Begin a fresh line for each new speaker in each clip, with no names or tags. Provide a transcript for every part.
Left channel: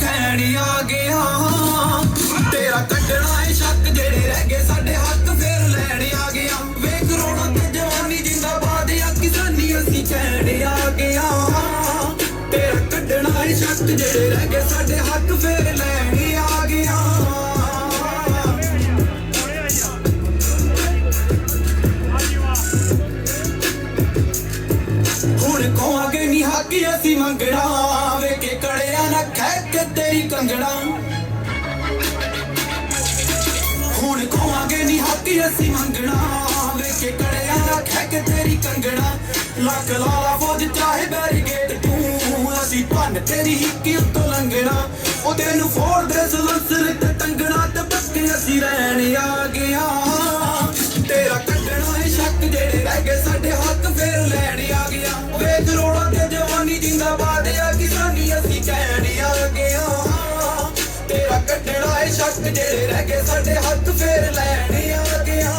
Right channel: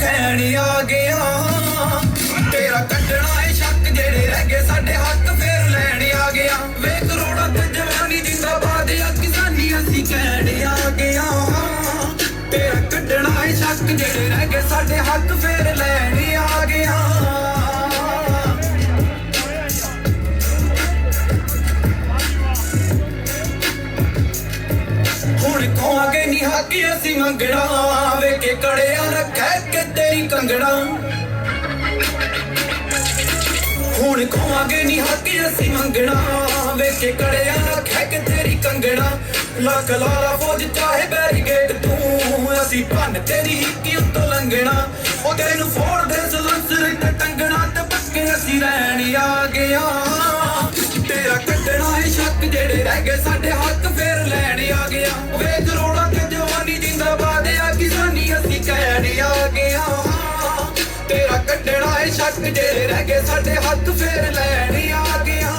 ਖੈਣ ਆ ਗਿਆ। ਤੇਰਾ ਕੱਢਣਾ ਏ ਸ਼ੱਕ, ਜਿਹੜੇ ਰਹਿ ਗਏ ਸਾਡੇ ਹੱਕ ਫੇਰ ਲੈਣ ਆ ਗਿਆ। ਵੇ ਕਰੋੜਾਂ ਤੇ ਜਵਾਨੀ ਜਿੰਦਾਬਾਦ ਆ, ਕਿਸਾਨੀ ਅਸੀਂ ਕਹਿਣ ਆ ਗਿਆ। ਤੇਰਾ ਕੱਢਣਾ ਏ ਸ਼ੱਕ, ਜਿਹੜੇ ਰਹਿ ਗਏ ਸਾਡੇ ਹੱਕ ਫੇਰ ਲੈਣ ਆ ਗਿਆ। ਹੁਣ ਖੋਾਂਗੇ ਨਹੀਂ ਹਾਕੀ, ਅਸੀਂ ਮੰਗਣਾ। ਵੇ ਕੇ ਕੜਿਆਂ ਖੈ ਕੇ ਤੇਰੀ ਕੰਗੜਾ ਹੁਣ ਖੋਾਂਗੇ ਨਹੀਂ ਹਾਕੀ ਅਸੀਂ ਮੰਗਣਾ। ਵੇ ਕੇ ਕੜਿਆਂ ਖੈ ਕੇ ਤੇਰੀ ਕੰਗੜਾ ਲੱਖ ਲਾਲਾ ਫੌਜ ਚਾਹੇ ਬੈਰੀਗੇਟ ਤੂੰ। ਅਸੀਂ ਭੰਨ ਤੇਰੀ ਹਿੱਕੀ ਉੱਤੋਂ ਲੰਘਣਾ। ਉਹ ਤੈਨੂੰ ਫੋੜ ਦੇ ਸਲੰਸਰ ਤੇ ਟੰਗਣਾ ਤੇ ਪੱਕੇ ਅਸੀਂ ਰਹਿਣ ਆ ਗਿਆ ਕੱਢਣਾ ਜਿਹੜੇ ਰਹਿ ਗਏ, ਸਾਡੇ ਹੱਥ ਫੇਰ ਲੈਣ ਆ ਗਿਆ।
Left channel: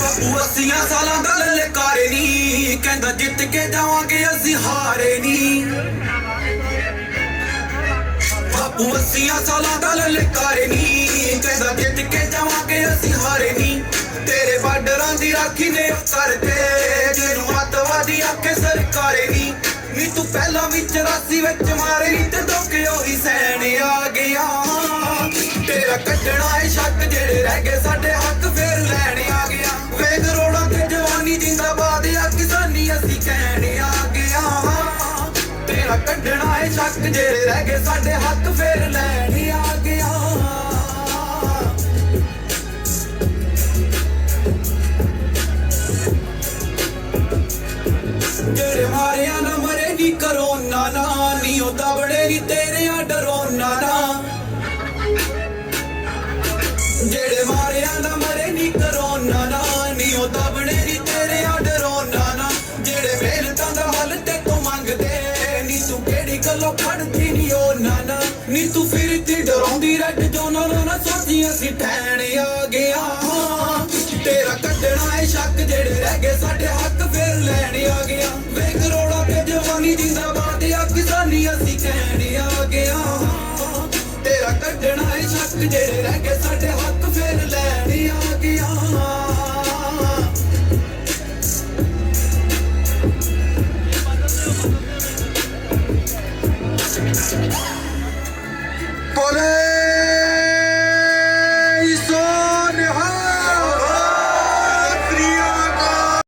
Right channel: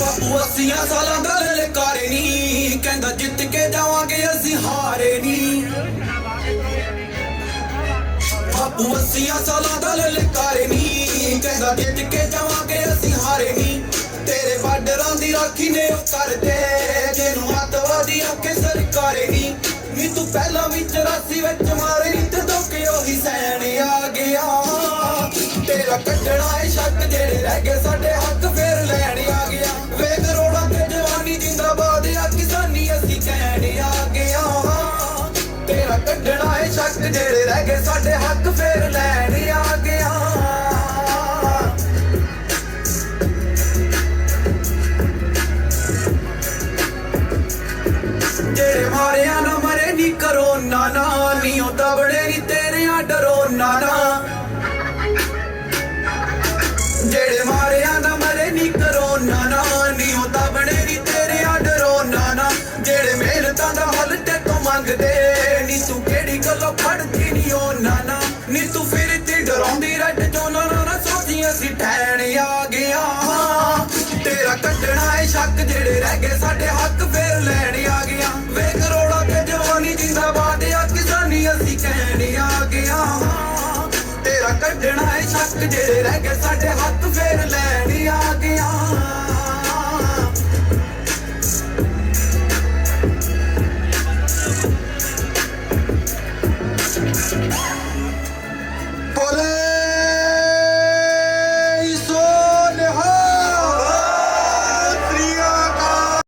ਬਾਪੂ, ਅੱਸੀਆਂ ਸਾਲਾਂ ਦਾ ਲਲਕਾਰੇ ਨਹੀਂ ਕਹਿੰਦਾ ਜਿੱਤ ਕੇ ਜਾਵਾਂਗੇ, ਅਸੀਂ ਹਾਰੇ ਨਹੀਂ ਬਾਪੂ, ਅੱਸੀਆਂ ਸਾਲਾਂ ਦਾ ਲਲਕਾਰੇ ਨਹੀਂ ਕਹਿੰਦਾ ਜਿੱਤ ਕੇ ਬਾਰਡਰਾਂ ਨੇ ਉਹ ਜਿਹਨੂੰ ਅੱਤਵਾਦੀ ਆਖੇ ਸਰਕਾਰੇ ਨਹੀਂ ਨੀ ਤੂੰ ਪਹਿਲਾਂ ਵੀ 84 ਵਿੱਚ ਮਾਰੇ ਨਹੀਂ ਤੇ ਧੋਕੇ ਉਹੀ ਸੈਣ ਆ ਗਿਆ। ਤੇਰਾ ਕੱਢਣਾ ਏ ਸ਼ੱਕ ਜਿਹੜੇ ਰਹਿ ਗਏ ਸਾਡੇ ਹੱਕ ਫੇਰ ਲੈਣ ਆ ਗਿਆ। ਵੇ ਕਰੋੜਾਂ ਤੇ ਜਵਾਨੀ ਜਿੰਦਾਬਾਦ ਆ, ਕਿਸਾਨੀ ਅਸੀਂ ਕਹਿਣ ਆ ਗਿਆ। ਤੇਰਾ ਕੱਢਣਾ ਏ ਸ਼ੱਕ ਜਿਹੜੇ ਰਹਿ ਗਏ ਸਾਡੇ ਹੱਕ ਫੇਰ ਲੈਣ ਆ ਜਿਹੜੇ ਮਾਰਿਆ ਨਾ ਮਰੇ ਨੀ ਕਰੋਨਾ ਨਾ ਨੀ ਉਹ ਦਬੜੇ ਨੀ ਤੇਰਿਆਂ ਡਰੋਨਾ ਨਾ। ਜਿਹੜੇ ਮਾਰਿਆ ਨਾ ਮਰੇ ਨੀ ਕਰੋਨਾ ਨਾ ਨੀ ਉਹ ਦਬੜੇ ਨੀ ਤੇਰਿਆਂ ਡਰੋਨਾ ਨਾ। ਜਿਹੜੇ ਮਿਹਨਤਾਂ ਦਾ ਹੱਲ ਤੇ ਤੋਂ ਮੰਗਦੇ ਨੀ, ਤੂੰ ਕਿਹੜੀ ਗੱਲੋਂ ਫੜਦੀ ਨੀ ਉਹ ਨਾ। ਨਾ ਨੀ ਤੂੰ ਫਿਰਦੀ, ਡਰਾਉਂਦੀ ਰੱਟ ਤੋਂ ਨਾ ਨਾ ਨਾ ਸੋਚੀ ਅਸੀਂ ਜਿਹੜੇ ਰਹਿ ਗਏ ਸਾਡੇ ਹੱਥ ਫੇਰ ਲੈਣ